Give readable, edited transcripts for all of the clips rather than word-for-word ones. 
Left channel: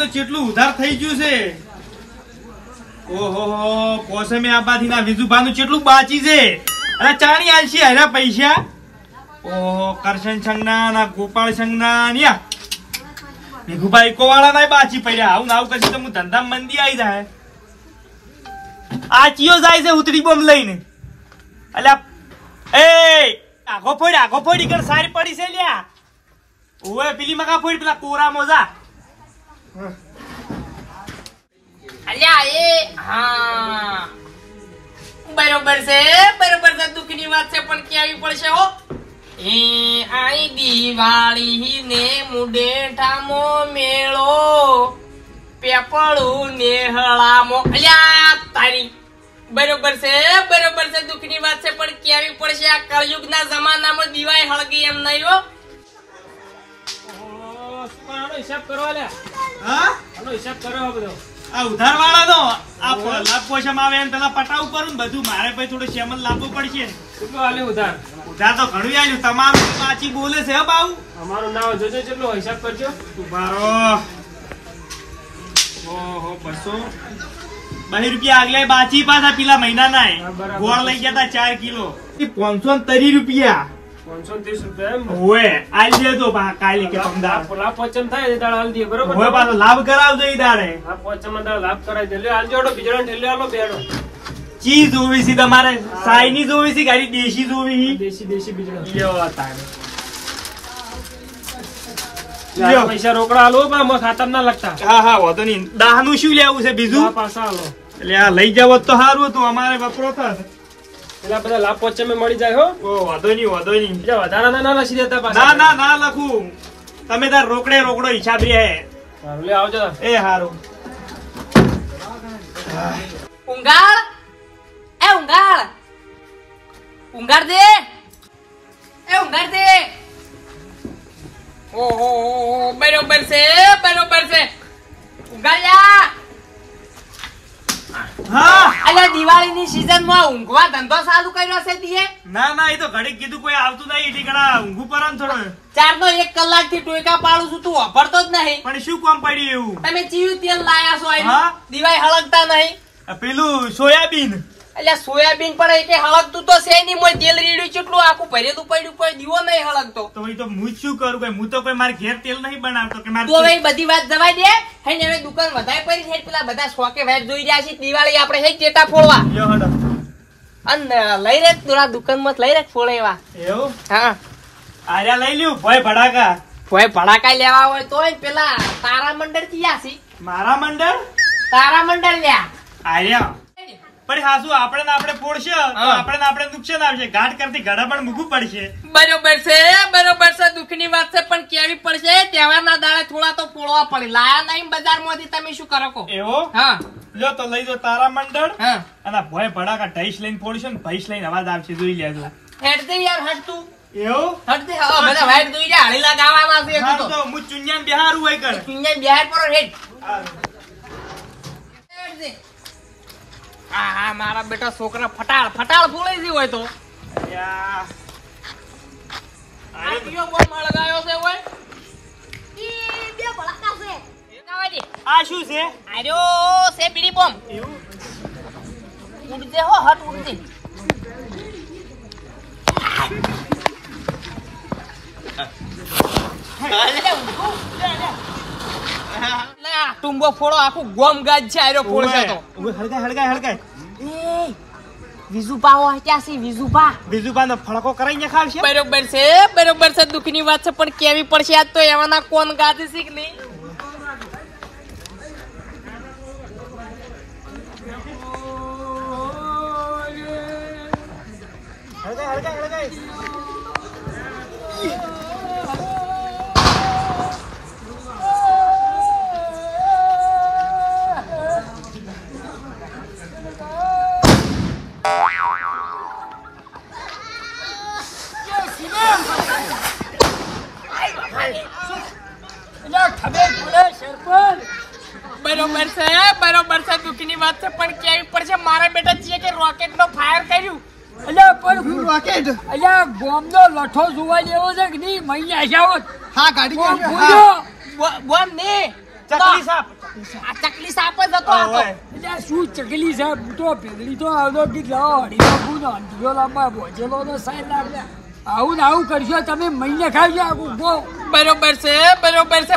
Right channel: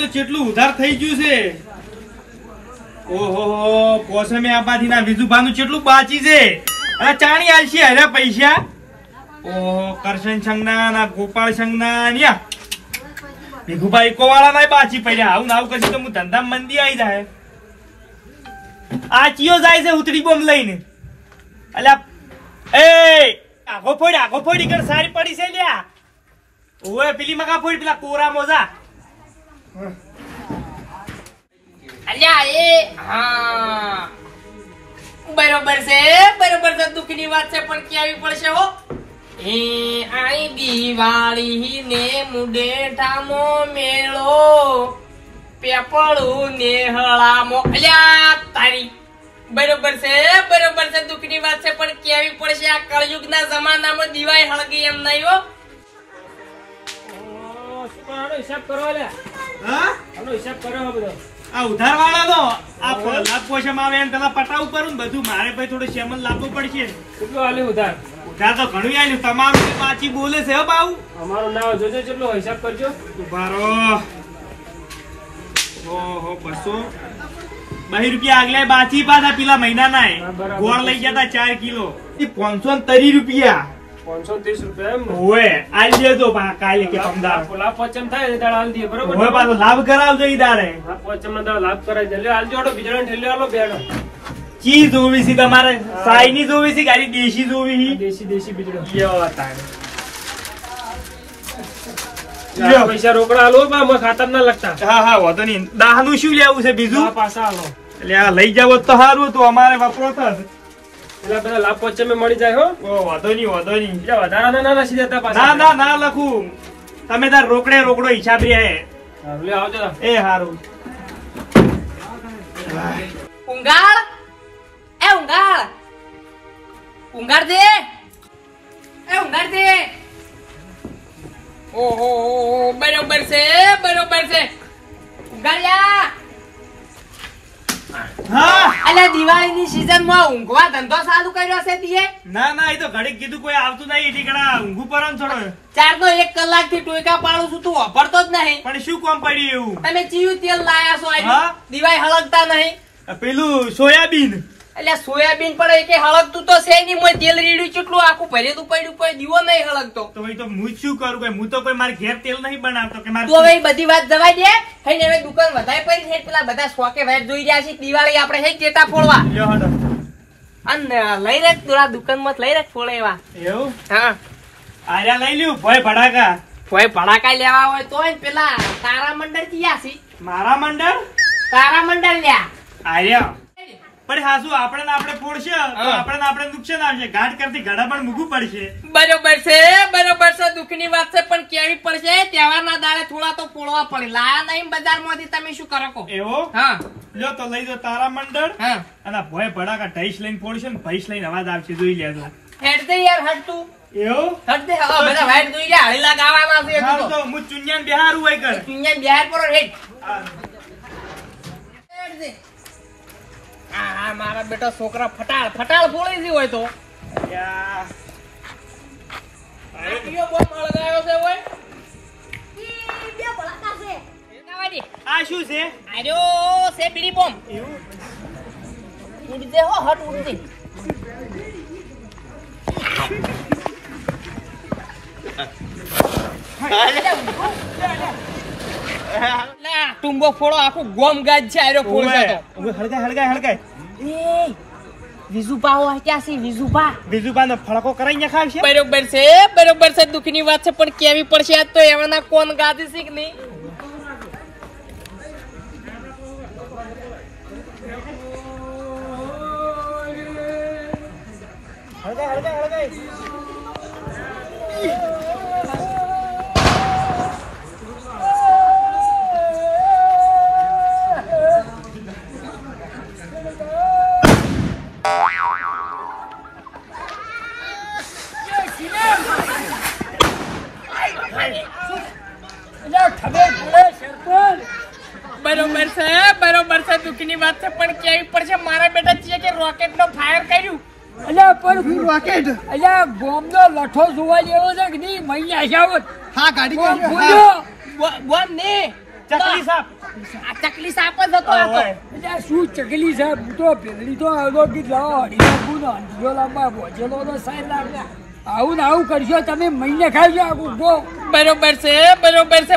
તો કેટલું ઉધાર થઈ ગયું છે. ઓહો પોસમે આબાથી ના વિજુભાનું કેટલું બાકી છે. અને ચાણી આલશે હરા પૈસા. ઓહો કરશન સંગના ના ગોપાળ સંગના ન્યા ભીખુભાઈ કોવાળા ના બાચી પડ્યા. આવું નાવું કશું તો હું ધંધા મંદી આવી જાય. આ ચિયો જાય છે ઉતરી બોમ લઈને. અલ્યા એ આગો ફોડી કર સારી પડી છે લ્યા. ઓએ પેલી મગા ફોડી પેલા કોરા મોજા. અલ્યા એ હા બરોબર છે દુઃખની વાત છે પણ ક્યાં પડશે હો. એ આઈ દિવાળી ને મુડેઠામો મેળો પેપળું ને હળામો. અલ્યા તારી બરોબર છે દુઃખની વાત છે પણ કેવી પડશે. આ કળયુગ ના જમાનામાં દિવાળી હળગી એમ નહીં હો. હિસાબ કરો હિસાબ કરો બધો. આ ઉધાર વાળા નો આ લાભ પોષમ આવે એમ પેલા પટાવ કરું ને બધું મારે ભાઈ થોડો સેમલ લાવવો પડશે. કેટલું આલ્યું ઉધાર? ઉધાર તો ઘણું આલ્યું. તમામ પાછી બોલે છે બાઉ. અમારું નામ જોજે કેટલો હિસાબ કરજો. ઉભારો ઓહો 200 રૂપિયા આગલે બાચી પાછા પેલા મહિના ના ગોળ લઈ ગયા હતા 4 કિલો 530 રૂપિયા 530 રૂપિયા એમ હોય આલી દેજો કાલે કે પમદાર લાભ પોચમ થાય દાળ આલ દે બરોબર. હોય પાછો લાભ કરાવજો ઈ દાડે. લાભ પોચમ ના દાળ લાભ કરાવજો એટલે આલ જોડો બીજો ઠેલે આલો બેડો. ચી જોવી છે તમારે? સાઈની જોવી છે ગાડી દેશી જોવી છે? દેશી બીજો લ્યો તારે પૈસા રોકડા આલો પણ ખાતર ના લગતા. હા વાંધો નહીં. દાહનું શું લેવું છે બીજું? પાછા આલો એટલે આ લઈ જાવ તો સારું હતું. અમારે વપરો થશે પેલા બધા લાભ પોચમે મળી જાય હો. વાંધો નહીં. બીજા વધારાના ના લસી દેતા પાછા. ના લખું. તમે તાર રોકડો હિસાબ રે. લે આવજો. એ હારું. ઊંઘાડ દે ઓહો બરોબર છે ઊંઘાડ્યા. હા અલ્યા દિવાળી ની સીઝન માં ઊંઘવા ધંધો ચાલુ કર્યો છે તીએ? ના એ તો ઘડીક કીધું કોઈ આવતું નહીં ઠીકડા ઊંઘું પર થોડો 4 કલાક થી ટોયકા પાડું છું તું વાપરતો જ નહીં. પણ શું કામ પડ્યું એવું? તમે ચીયું તેલ લાયા છો હા? દિવાળી હળગતા નહીં. પેલું સોયાબીન એટલે સોયાબીન પણ એ કે હળગતું તો છે નહીં. મોય તેલ રીડ્યું કેટલું આખું ભરેલું પડ્યું કોઈ દીવો નહીં હળગતો. તો ભાઈ તો હું શું કરું? ભાઈ હું તો કોઈ મારે ઘેર તેલ નહીં બનાવતો કે મારે. તો હવે બધી વાત જવા દે. હે હવે દુકાન વધારે પડી છે. પેલા બધા શોકે વાઈટ જોઈ રહ્યા છે દિવાળી આપણે હે ટેટા ફોડવા. લ્યો હડો. અને લઈ રે થોડા દુકાન માં લઈ રે ફોડે એવા. એવું? હા આર્યા લઈ લ્યું ભોય ભડાકા. કોઈ ભડાકા લેવા હોય તો પેલા તારા મંડળ ક્યાં છે? મારા મંડળ તારા મંડળ લ્યા આર્યા. પણ હા શું આપણે ફોડશે તો આપણે નુકસાન આવશે. ઘાટ કરતી ઘડા પણ મૂકવું પડશે. બરોબર છે દુઃખની વાત છે પણ કેવી પડશે. તહેવારના દાડે થોડા તો ફોડવા પડે. લાયા નહીં બજાર માંથી તમે શું કરો કો? એવો? હા લ્યો તો લઈ દો તારા મંડળ. હા અને ભોય ભડાકા ઢઈસ લઈને ફોડશે ને ભઈસ લઈને અવાજ આવશે. જોઈ લેજો. હેડ દે યાર હટ તું. એવું? હટ દે. હા બધા વાઈટ જોઈ રહ્યા હળીલા ગાવાના છે. હા તો હું ચુન્યાન બિહારું હોય કર. ચુન્યાન બિહાર પર હેડ. હેડ દે. હા મારા બેટા છોકરા ફટાળ ફોડી દી હોય તો. યા આ કયો બોમ્બ લગાવ્યો છે ઓય? બે ભડાકા છે. એકાવા દે. આ શું છે? આર્યો છે બીડી બોમ્બ. એવું? ઉડ દે હો હટ ઉડ દે. ના ટુંબો ફોડો આખું ગોમ ગાજ છે. આર્યો ફોડશે તો હળગાય. એ વિજુપા હો ક્યાં છે? વિજુપા નો ફળકો કરાઈને ખાવશે. બરોબર છે દુઃખની વાત છે પણ કેવી પડશે. આજ તો એવાના કોણ ગાદી છે કે નહીં? હળગાય. બરોબર છે દુઃખની વાત છે પણ કેવી પડશે. મારા બેટા છે કે રોકેટ નો ફાયર કર્યું. અલ્યા પણ હું રોકેટ અલ્યા બોમ્બ નો લઠ્ઠો જોવા જેવો છે કે નહીં? મહિને આશાવત. હા ગાડી બોમ્બ ને ચકલી સાપ આ ચકલી સાપ જ હતો આ તો. ઓય. એટલે શું ચકલી સાહેબ હું તો પેલી તો આવતો કીધ લાવો હડીનો ગુનો અંધિયો લાંબા ભોજેલો તો સાહેબ લાગે આવું ને આવું કરશો તમે મહિને ખાજો આખું ગો બરોબર છે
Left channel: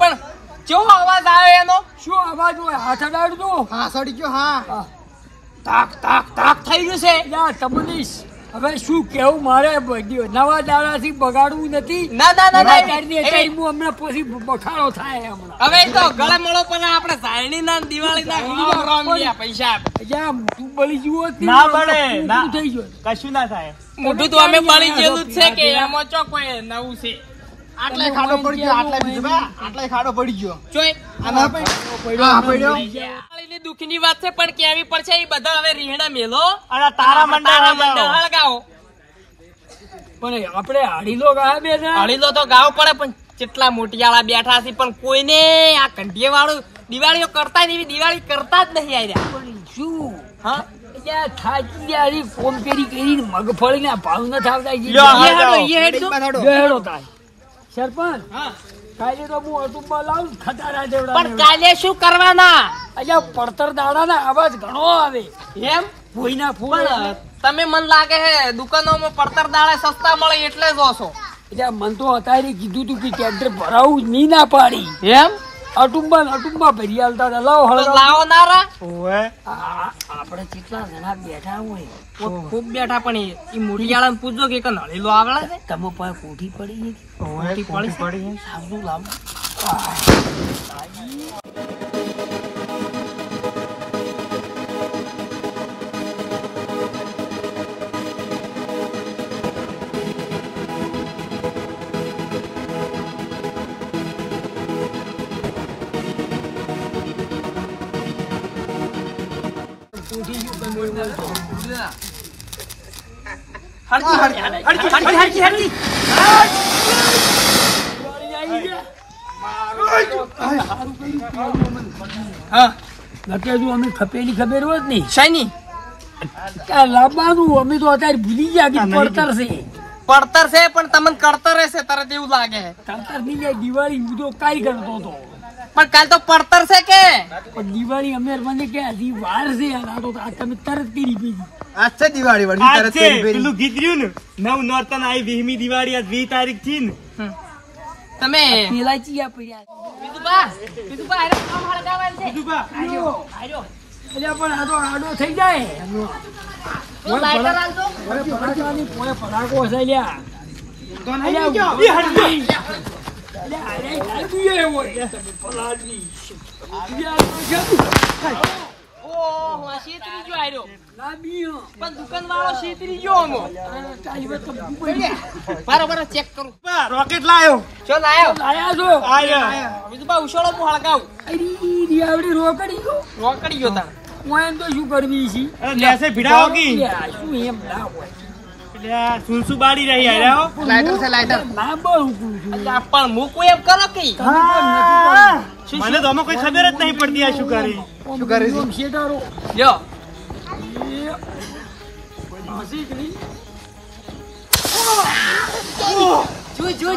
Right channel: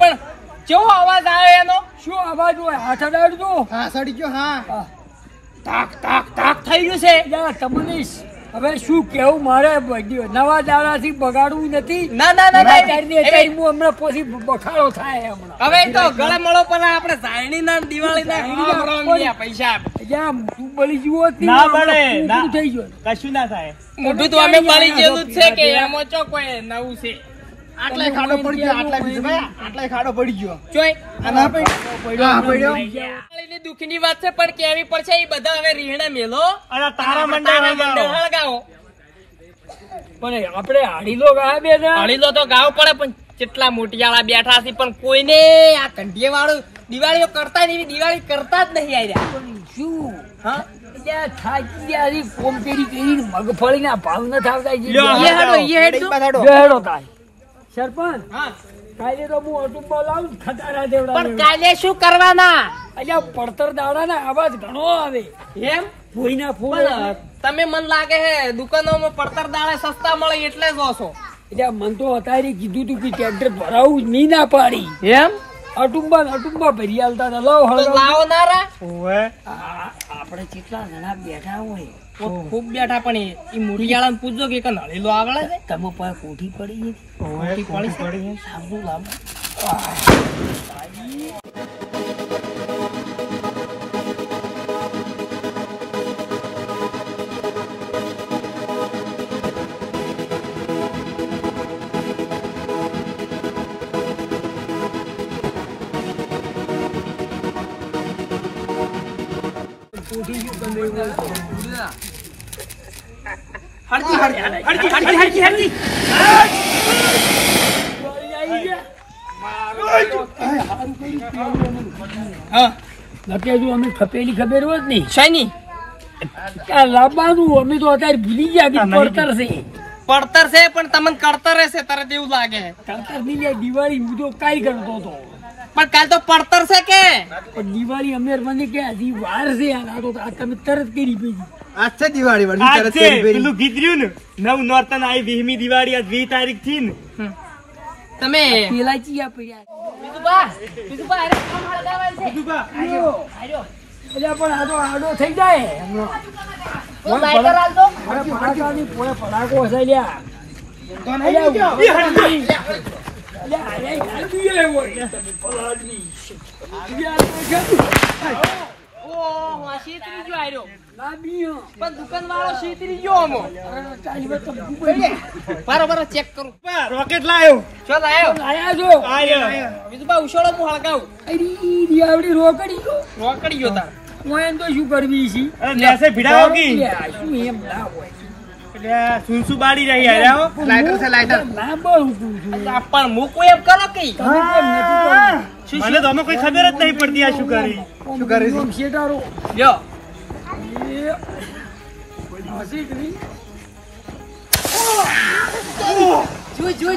પણ કેવો અવાજ આવે એનો? શું અવાજ હોય હાથ અડાડજો હા સડી ગયો હા તાક તાક તાક થઈ ગયું છે. યા તમને હવે શું કેવું મારે બધું નવા દાડાથી બગાડવું નથી ના ના ના ના અત્યારની અત્યારે હું હમણાં પછી બખાડો થાય હમણાં હવે તો ગળે મળો પણ આપણે સાયણી ના દિવાળી ના રંગીયા પૈસા યા મોઢું બળી જુઓ ના બળે, ના. થઈ ગયો કશું ના થાય મોઢું તો અમે બળી ગયેલું જ છે કે એમાં ચો કોઈ નવું છે આટલે ખાડો પડી ગયો આટલે ખાડો પડી ગયો ચોય આના પડી હા પડ્યો દિવાળીની દુઃખની વાત છે પણ કેવી પડશે એ બધા હવે રીહણા મેલો અને તારા મંડળ મંડળ હળગાવો. પણ આપણે હાડી લો ગા બે હળીલો તો ગાવ પડે પણ કેટલા મોટિયાળા બેઠા છે પણ કોઈને આ કંઢીએ વાળું દિવાળીઓ કરતા નહીં, દિવાળી કરતા જ નહીં આર્યા. પણ શું હા ત્યાં થાકી ગયા કોમ પેરી કરીને મગફળીના ભાવ ન થાવતા લ્યો, એ હેડો, એ હેડજો. બેહરો થાય સરપંચ હા. કાલે તો હું અટુંબા લાવું ખટારા દેવડા પણ કાલે શું કરવાના અલ્યા પડતર દાડાના અવાજ ઘણો આવે એમ? ભોયના ફૂલ પણ તમે મન લાગે હે દુકાનોમાં પડતર દાળે સસ્તા મળે એટલે જ ઓછો. એટલે મન તો અત્યારે કીધું તું કે ટ્રેક્ટર ભરાવું જ નહીં ના પાડી એમ? અટુંબા ભરી આલતા હતા લાવો તો હળગાવો. લાવો નારા. ઓય. આપણે કેટલા જણા બેઠા હોય ખૂબ બેઠા પણ એ મોટિયાળાને પૂછજો કે કન હળીલો આવડે છે? તમે પાસે કોઠી પડી ગઈ મોટી પડી છે. સાંભળું લાવો કોઠી શું ગમે એવું હોય તો. હરકી, હરકી, હરકી. આવી ગયા. સારું કર્યું પેલું અમને ખબર. હા નકે જો અમે ખપેલી ખબર હોત નહીં શેની? આ લાવવાનું અમે તો અત્યારે ભૂલી ગયા કે પડતર છે પડતર છે પણ તમને કરતર રહેશે તરત એવું લાગે છે. પડતર ની લે દિવાળી હું તો કાઈ કરતો હતો પણ કાલ તો પડતર છે કે પણ દિવાળી અમે મને કે હજી વાર છે યાર આ તો આ તમે તરત કરી પડી આજ છે દિવાળી આજ વાળી છે પેલું ગીત રહ્યું ને નવ નોરતન આવી 20મી દિવાળી આજ 20 તારીખ થી ને તમે પેલા ચિયા પડ્યા બીજું અરે કામ હળગાવાનું છે. કીધું બા. આજો એટલે પણ આ તો આડો થઈ જાય હમણાં હું લાઈટર આલતો. પડાકાની પોળે પડાકો હશે લ્યા તો નહીં ગયો ઓહો, શેતરી ગયો આર્યો. પણ દુકાન વાળો શેતરી ગયો આમો. બરોબર ચેક કરું. બા, રોકેટ લાયો ચો લાયો. આયો બીજું બા ઉછળો હું હળગાવું. રોકડી રોકડી ગયો તાર. તો શું કરવી છે અરે લેસે ભીડાવો કી શું એમ ના હોય એટલે આ સુલસુ બાડી રહી આર્યા હો. લાઈટર છે લાઈટર ના બહુ છું પણ મૂકું એમ કરો કે મને તો આમાં કોઈ ખબર જ નહીં પડતી આ શું કરી શું કરે છે? શેટારો લ્યો.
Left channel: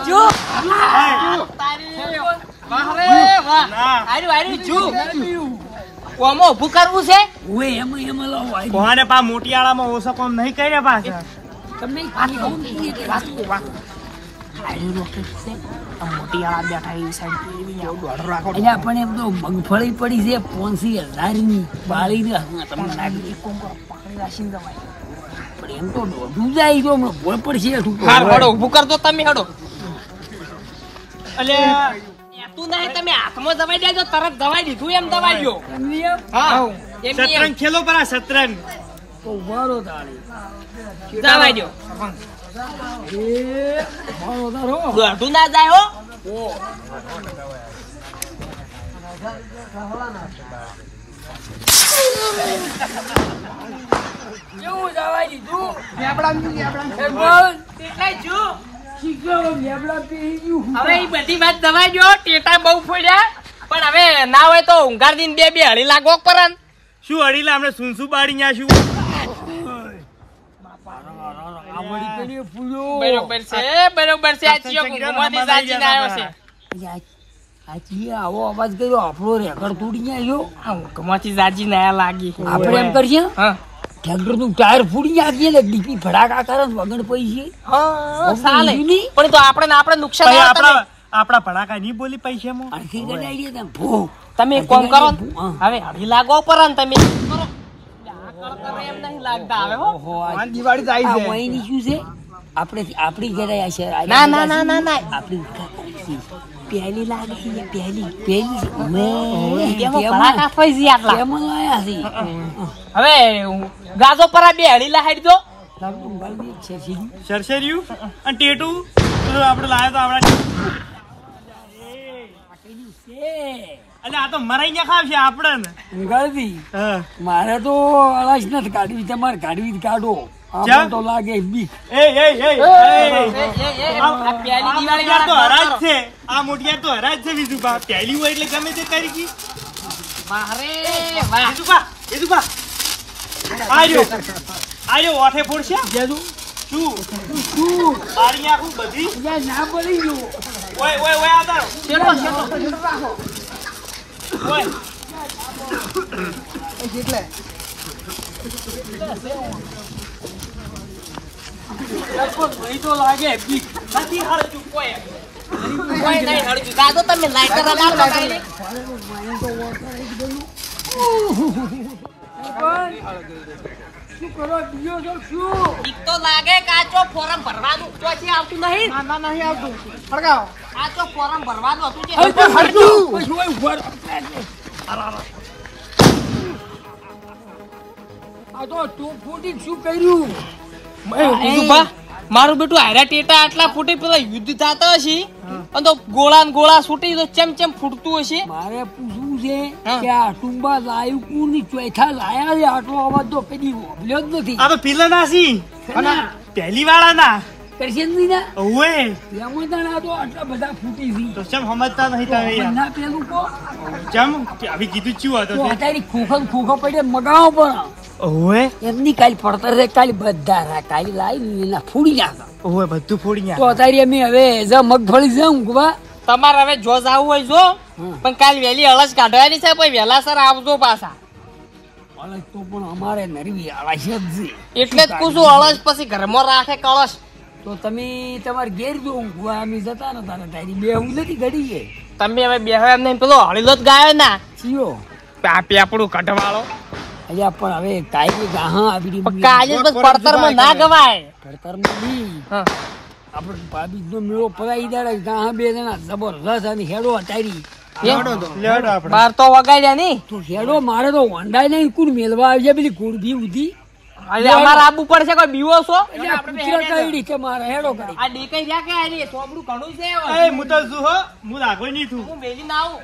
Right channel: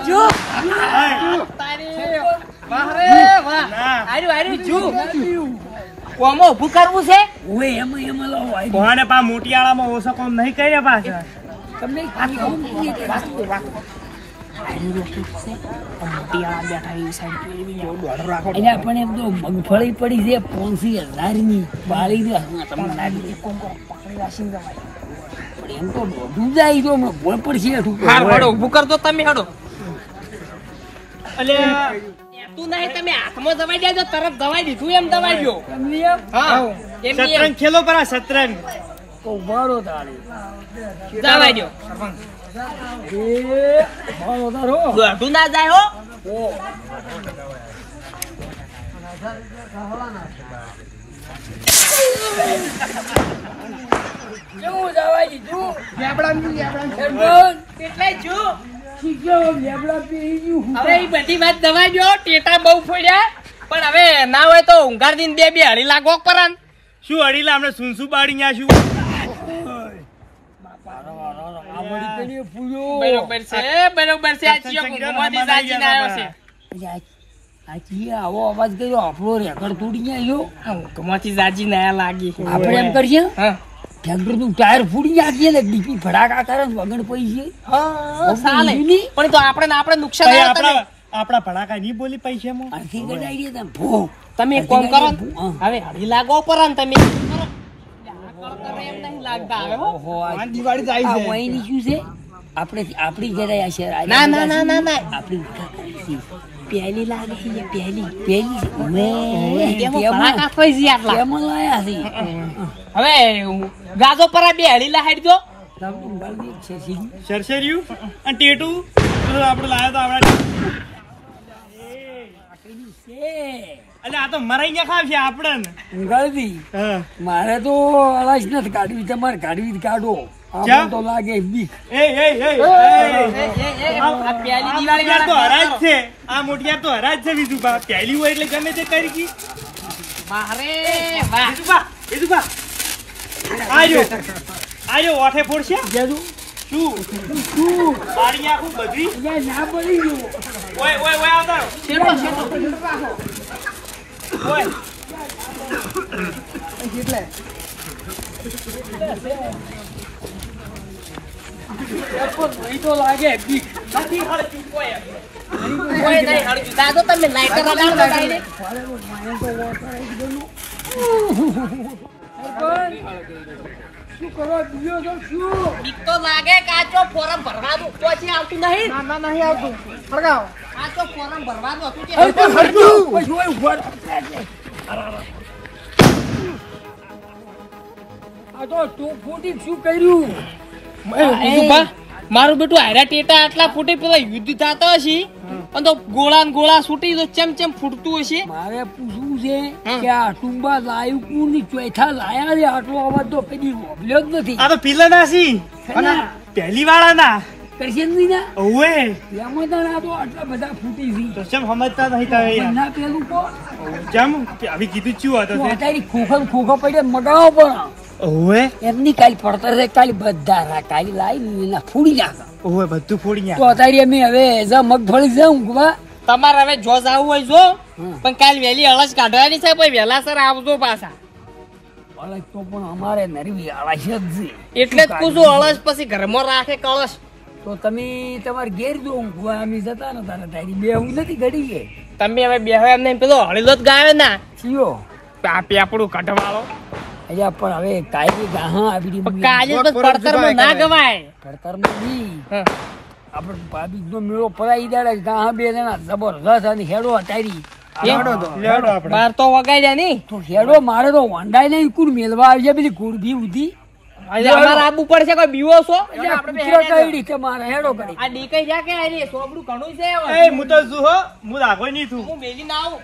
જો તારી વાહ રે વાહ. ના આર્યું જો ઓમો ઊભું કરવું છે. એમાં લાવો કોને પા મોટિયાળામાં ઓછો કોમ નહીં કર્યા પાછા તમને પણ એમ તો મગફળી પડી છે 500,000 ની બાળી ને તમને લાગે એક કોમ કરો પકડી રાખીને તમારે પણ એમ તો દોઢું જાય તો ભોળ પડશે હારું હડો ઊભું કરજો તમે હડો. એટલે તું નહીં તમે હાથમાં દવાઈ દેજો તરત દવાઈ દીધું એમ દવાઈ ગયો. હા એમ શતરંજ ખેલો પર આ શતરંજ ઉભારો તારે દવાઈ દો. ઉભારો તારો દોઢું ના જાય હો. કેવું દવાઈ દીધું એટલે જો લેબડા પી ગયું હવે એ બધી વાત દવાઈ દો. ટેટા બહુ ફોડ્યા પણ હવે ના હોય તો ઊંઘાર દિન બે હળી લાગો કરે ને. શું અડીલા આપણે સુનસુ બાડી ન્યા શું આવડી કરી પૂરો બરોબર છે આ ચિયો કુંકુમાથી સાચીને આવ્યો છે. સાચી આવો અવાજ કર્યો આપણો રેકર્ડ તૂટી આવ્યો. ઊંઘમાંથી જાજી ના લાગી. આપણે એમ કરીએ હા ટ્રેક્ટર નું ટાયર ફૂડી નાખીએ ને ડીપી ફડાકા કરે ને વગર પૈસે હા ચાલે. પણ તો આપણે નુકસાન ભાઈ ના થાય ને. આપણા ભડાકા નહીં બોલી પૈસામાં. આખી ગડાઈ દે ભો તમે એક કામ કરો ને. હા. હવે હળી લાગો પર ને તમે કરો. તમે એમ નહીં લાગતા હવે હો. ઓહો, આ દિવાળી જાય આ છે વહીની શું છે આપણી ઘરે આ શહેર ના ના ના ના ના આપણી પહેલી લાગે છે પહેલી પેલી એમાં ભડાકા ફઈ જી આટલા. કેમાં લાયા છે હવે ગાજો પર બે હળી લાહેડ દો. લાગતું ગાળી દે છે સીધી. સરસરિયું અને ટેટુ તો આપણે લાયા તો આપણા પેલી છે એટલે આ તો મરાઈ ગયા ખાવ છે આપણને. ઉગાડી હા. મારે તો અવાજ નથી કાઢવી તમારે કાઢવી કાઢો ક્યાં? આમાં તો લાગે બીક એ આ પહેલી મોટિયાર તો હરાજ છે. આ મોટિયાર તો હરાજ છે વિજુભા. પહેલી હોય એટલે ગમે તે કરી કી. વારે વાહ. વિજુભા આજો ઓઠે ફોડશે જેનું શું શું બારી આખું બધી અહીંયા ના પડી ગયો ઓય આવતા રહો. ઓય મહી તો લાગે બીક નથી હળજુ કોઈ નહીં હળજુ. દાદો તમે લાઈટર લગાવો લગાવીને. શું કરો બીજો છો શું બીક તો લાગે કાચો ફોરમ ભરવાનું પછી આવતું નહીં. ના નહીં આવતું ફળગાવો કાચો ફોરમ ભરવાનું હતું જે. હરતું હરતું પછી હોય ઉભા રહો. આ તો તું ફૂટી શું કર્યું મારું બેટું હારા ટેટા આટલા ફૂટી પેલા યુદ્ધ થતો હશે અને તો ગોળા ને ગોળા છૂટી તો ચેમ ફૂટતું હશે. મારે પૂછવું છે હા. કે આ ટુંબા લાયું કુની ચોથા લાયા છે આટલો અવાજ તો કદી વોભલ્યો જ નથી આ તો પિલ્લા નાસી પહેલી વાળા ના કરશનની ના ઓવે એમાં તો આ તો આટલા બધા ફૂટી છે તો ચમ સમજતા નહીં તમે યાર. ના પેલું કો ચમ આવી કીધું ચું તો હતો અત્યારે ખોખો પડે મગાવો પણ ઓવે એમની કાલી પડતર છે કાલી બધા રા કાલી લાવી એના ફૂડી નાખા ઓવે બધું ફોડી તો ગયા. અત્યારે અમે હવે મગફળી છે ઊંઘવા તમારે હવે જો જાવું હોય જો હમ. પણ કાલ વહેલી અળસ કાઢવાની છે પછી વહેલા સર આવજો પાછા. અલગ તો પણ અમારે નરવી આળસ જ છે એટલે જ પૂછું અળસ પછી ઘરમાં રાખે કળશ. તો તમે તમારે ઘેર જો ઊંઘવા અમે જતા ને તારે તારી બે હું નથી ઘડી છે તમે હવે બેહવા એમ નહીં પેલો હળીલો જ ગાયો ના ચિયો આ પેપડું કઢવાળો. અલ્યા પણ હવે કાયદી ગાહા આવી પણ કાલે જ પડતરમાં ના ગવાય. પડતરમાં બી હં. આપણે ભાભી નો મેળો પડાઈ દાડે ગાહા બે જણા જબરજસ્ત અને હેડો અટારી લેડો આપણે. બાર તો વગાડ્યા ની. તો હેડો મારે તો હોન્ડાઈ નહીં કુડ મેલવા આવી જાય પેલી કુડભી ઉધી અમારે આબુ પડશે કોઈ બીવો છો. મારે હેડો કરી આ ડેકાઈ જા કે આ રે સોબડું ઘણું છે હવે. એ હું તો શું હો હું રાખો નહીં છું. હું મેલી ના આવું.